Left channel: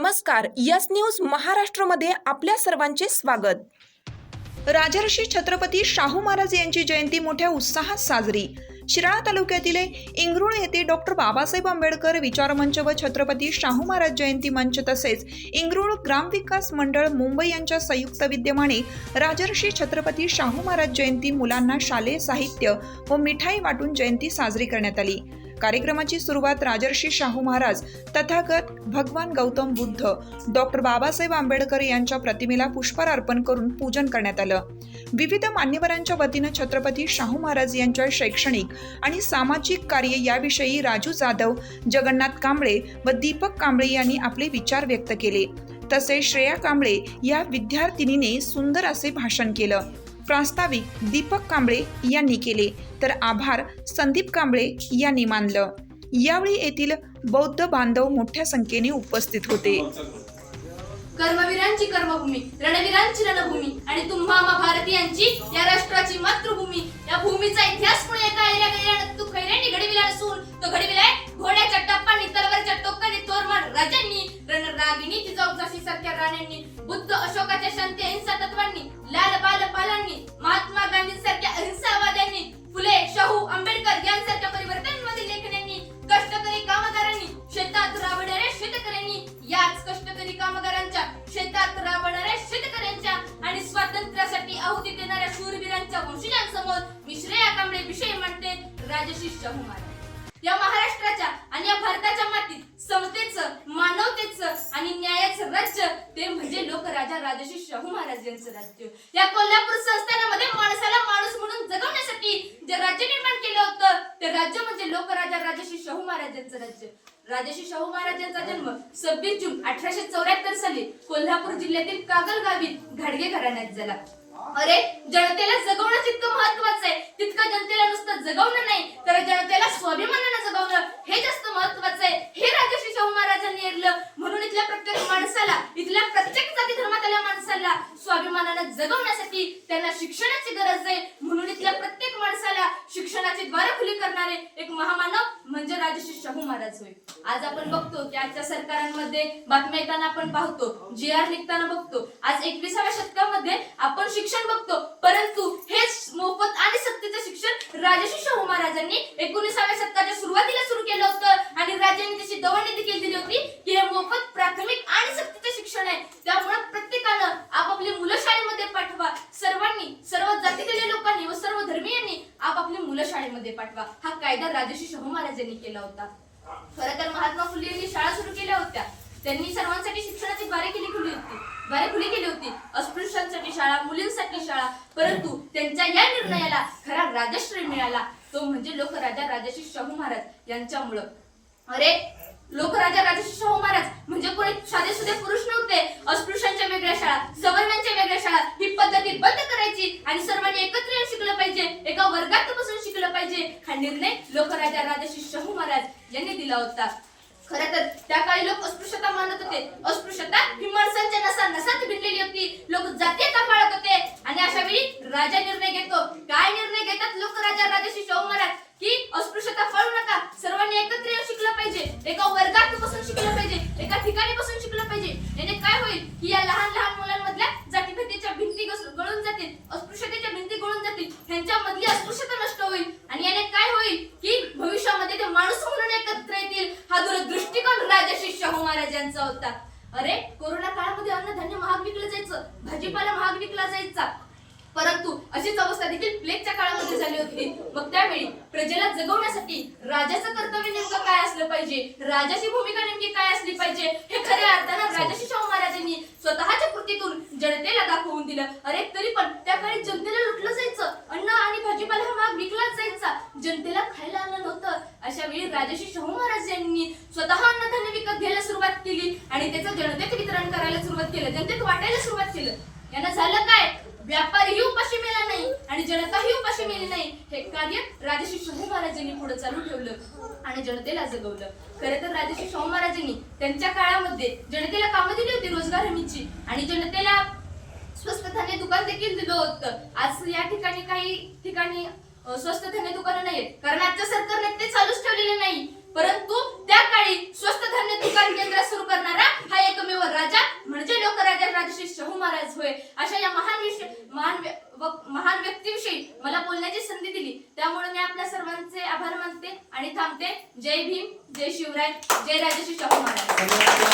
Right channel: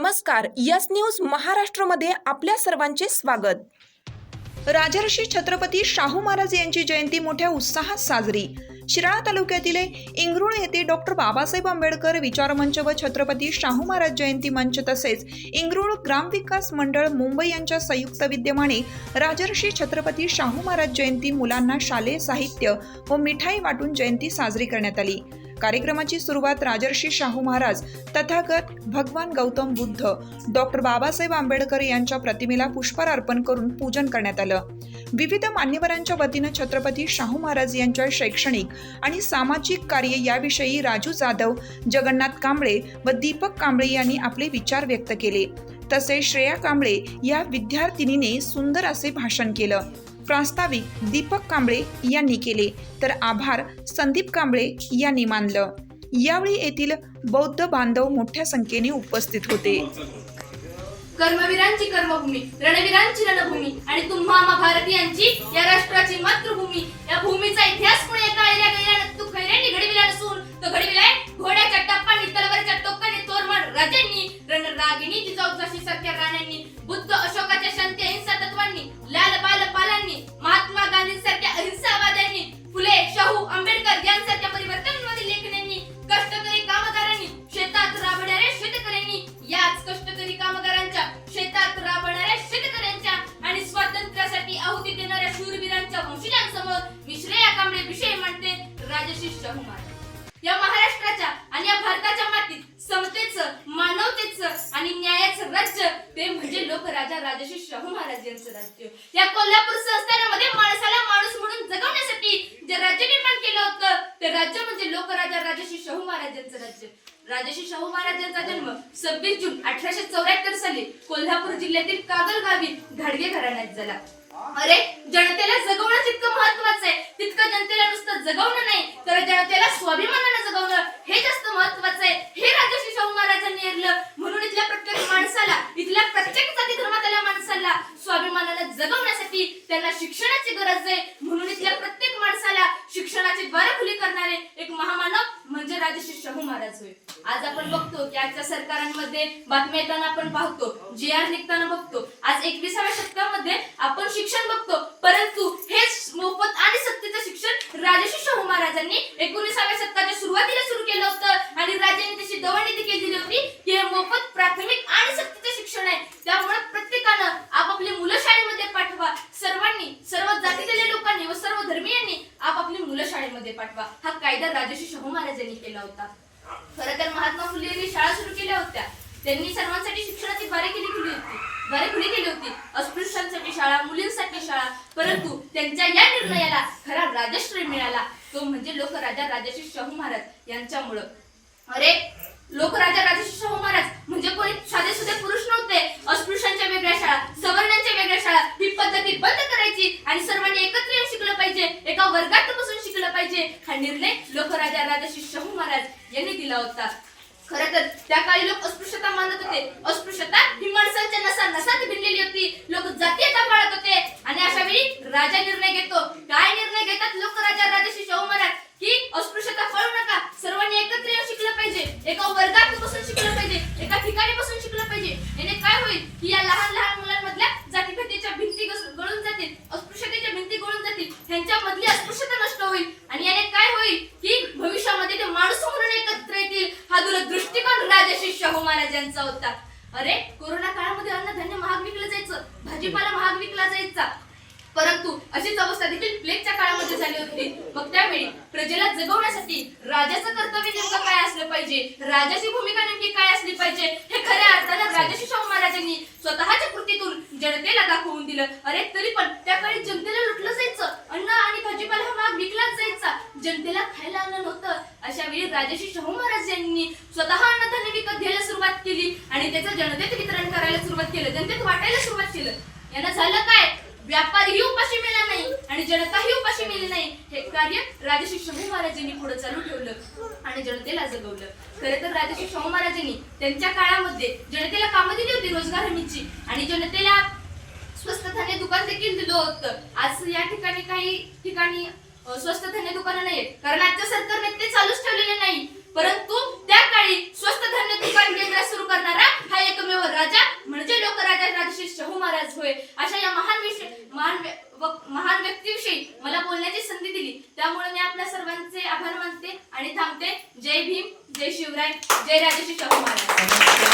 नमस्कार yes news महाराष्ट्रमध्ये आपल्या सर्वांचे स्वागत. राजर्षी छत्रपती शाहू महाराज यांची जयंती मोठ्या उत्साहात साजरी. शिराळा तालुक्यातील इंगरुळ येथे डॉक्टर बाबासाहेब आंबेडकर विचारमंच व छत्रपती शाहू महाराज जयंती मंच तसेच इंगरुळ ग्रामविकास मंडळ मुंबई यांच्या संयुक्त विद्यमाने राजर्षी छत्रपती शाहू महाराज जयंती मुलांना शालेय साहित्य व मिठाई वाटून जयंती साजरी करण्यात आली. कार्यक्रमाची सुरुवात राजर्षी शाहू महाराज तथागत भगवान गौतम बुद्ध डॉक्टर बाबासाहेब आंबेडकर यांच्या प्रतिमेला पुष्पहार अर्पण करून पूजन करण्यात आलं. विविध मान्यवरांच्या वतीनं छत्रपती शाहू महाराज यांच्या शैक्षणिक आणि सामाजिक कार्य याविषयी राजू जाधव जगन्नाथ कांबळे व दीपक कांबळे यांनी आपले विचार व्यक्त केले. तसेच श्रेया कांबळे या विद्यार्थिनीने सुंदर असे भाषण केलं. प्रास्ताविक दीपक कांबळे यांनी केले. तर आभार संदीप कांबळे यांनी मानलं. यावेळी येथील बौद्ध बांधव मोठ्या संख्येने उपस्थित होते. कर्मवीरांची कर्मभूमी रणवीरांची रणभूमी आणि तुम्हा आम्हा भारतीयांची या राष्ट्राची मातृभूमी. या भूमीचा इतिहास कोणी एका एल्या गेल्यानं तू खैऱ्याने घडविला नसून तो घडविलाय घोड्याच्या टप्पानी तलवारीच्या टोकाने तोरमाड राजांनी रणरागिणी जिजाऊजाशी सारख्या राण्यांनी बुद्ध अशोकाच्या शांती अहिंसा तत्वांनी लाल शाहू आंबेडकर यांसारख्या परिवर्तनवादी लेखण्यांनी कष्टकरी कामगारांनी शेतात राबणाऱ्या शेतकऱ्यांनी याच कष्टकरी कामगारांच्या शेतात राबणाऱ्या शेतकऱ्यांच्या आणि स्वातंत्र्यासाठी आहुती देणाऱ्या शूरवीरांच्या वंशजांसमोर मी श्रेया कांबळे विषय म्हणते राजश्री शाहू महाराज. या महाराष्ट्राच्या आणि या भारताच्या मातीत समतेचं मानवतेचं आणि न्यायाचं राज्य. ते म्हणजे लोकराजा राजश्री शाहू महाराज यांचं राज्य. या कोल्हापूर संस्थानामध्ये माणसाला माणूस म्हणून जगवण्यासाठी जे राज्य निर्माण केलं होतं ते राज्य म्हणजे लोकराजा राजश्री शाहू महाराज यांचं राज्य. राजश्री शाहू महाराज यांचा जन्म सव्वीस जून अठराशे चौऱ्याहत्तर साली कोल्हापूर जिल्ह्यातील कागल गावी घाडगे घराण्यात झाला. अरे जनतेला जगवणं जितकं महत्वाचं आहे तितकं जनतेला नुसतं जगवणं नाही तर जनतेला स्वाभिमानानं जगवणं हे जास्त महत्वाचं आहे. हे राजश्री शाहू महाराजांनी म्हणून इथल्या प्रत्येक माणसाला इथल्या प्रत्येक जाती धर्मातल्या माणसाला स्वाभिमानानं जगवण्यासाठी त्यांना शिक्षणाची गरज आहे म्हणून इथल्या प्रत्येक माणसाला शिक्षणाची द्वार खुली करणारे एक महामानव म्हणजे शाहू महाराज होय. आज आपण बघतो की आजच्या सरकारांमध्ये बातम्या येताना आपण पाहतो जी आर निघताना बघतो. आज एकविसाव्या शतकामध्ये आपण शिक्षण बघतो परंतु हेच मोफत आणि सक्तीचं शिक्षण राजश्री शाहू महाराजांनी एकोणीसाव्या शतकाच्या सुरुवातीला सुरू केलं होतं आणि राज्यांनी त्याची दवंडी देखील दिली होती की हे मोफत प्राथमिक आणि सक्तीचं शिक्षण आहे त्यामुळे प्रत्येकानं आपापली मुलं शाळेमध्ये पाठवा सर्वांनी सर्व जातीतील लोकांनी व सर्व धर्मीयांनी आपापली मुलं शाळेमध्ये पाठवा राजर्षी शाहू महाराजांनी केला होता. खरं तर महात्मा फुले यांनी शाळा सुरू केल्या होत्या. त्यांनी सर्वांसाठी शिक्षणाची द्वारे केली खुली होती. द्वारे खुली केली होती. अस्पृश्यांसाठी शाळा मुलींसाठी शाळा परंतु त्यांच्या या निर्णयाला खरा राजश्रय मिळाला. तो म्हणजे लोकराजा राजश्री शाहू महाराज यांच्यामुळं. अरे लोकराजा राजश्री शाहू महाराज म्हणजे कोणी साधे सुधे पुरुष नव्हते. अस्पृश्य वेगळ्या शाळा सवर्णांच्या वेगळ्या शाळा ही पद्धती बंद करायची आणि सर्वांनी एकत्र येऊन शिकलं पाहिजे एका वर्गात बसून शिकलं पाहिजे हा निर्णय लोकराजा राजश्री शाहू महाराज यांनी दिला होता. खर तर त्या काळी लोक अस्पृश्यता मानत होते. अस्पृश्यता ही माणसांच्या नसा नसात भिनलेली होती. लोक जातीयता पाळत होते. आणि अशा वेळी राजा निर्णय घेतो. काय निर्णय घेतात लोक राजा राजश्री शाहू महाराज की अस्पृश्यता पाळू नका सर्वांनी एकत्र येऊन शिकलं पाहिजे एका वर्गात बसून शिकलं पाहिजे एका ठिकाणी बसून शिकलं पाहिजे याने काय होईल की या लहान लहान मुलांमधल्या जातीभेदीच्या भिंती घस- गळून जातील अस्पृश्यतेच्या भिंती गळून जातील ह्यांच्यामधली अस्पृश्यता नष्ट होईल आणि याने काय होईल की भविष्यामध्ये ते माणूस म्हणून एकत्र येतील हा दूरदृष्टिकोन राजश्री शाहू महाराजांचा होता. अरे कोरोना काळामध्ये अन्नधान्य महाग विकलं जायचं भाजीपाला महाग विकला जायचा. परंतु अशीच अवस्था देखील प्लेगच्या काळामध्ये झाली होती. मग त्यावेळी प्रजेला जगवण्यासाठी राजाचं कर्तव्य नेमकं काय असलं पाहिजे? राजाची भूमिका नेमकी काय असली पाहिजे? हे खऱ्या अर्थानं राजश्री शाहू महाराजांनी स्वतःच्या कृतीतून जनतेला दाखवून दिलं. अरे तरी पण त्या काळी जनतेला लुटलं जायचं. अन्न आणि भाजीपाला हा महाग विकलाच जायचा. जनतेला खायला अन्न नव्हतं. अशा वेळी राजश्री शाहू महाराज यांनी स्वतः सुरुवात जनतेचं जनतेत वितरण करायला सुरुवात केलं जनतेत वाटायला सुरुवात केलं. यानं झालं काय? व्यापारीही उपाशी मिळाला नाही आणि जनताही उपाशी मिळली नाही. हे कार्य राजश्री शाहू महाराजांनी पुढे चालू ठेवलं आणि जनतेला जगवलं. खरं तर राजश्री शाहू महाराजांनी त्यांच्या काळामध्ये जनतेला कामं दिली होती रोजगार हमीची आणि जनतेला स्वस्त धान्य दुकान देखील दिलं होतं. आज या ठिकाणी काही ठिकाणी स्वस्त धान्य दुकानं नाहीत कारण आजच्या सरकारने ते चालूच ठेवलेले नाही. परंतु त्या काळी स्वस्त धान्य दुकान केंद्र सुरू करणारा हा एकमेव व महान व्यक्तीविषयी मला बोलण्याची संधी दिली त्यामुळे मी आपल्या सर्वांचे आभार मानते आणि थांबते. जय भीम जय शिवराय जय राजश्री शाहू महाराज.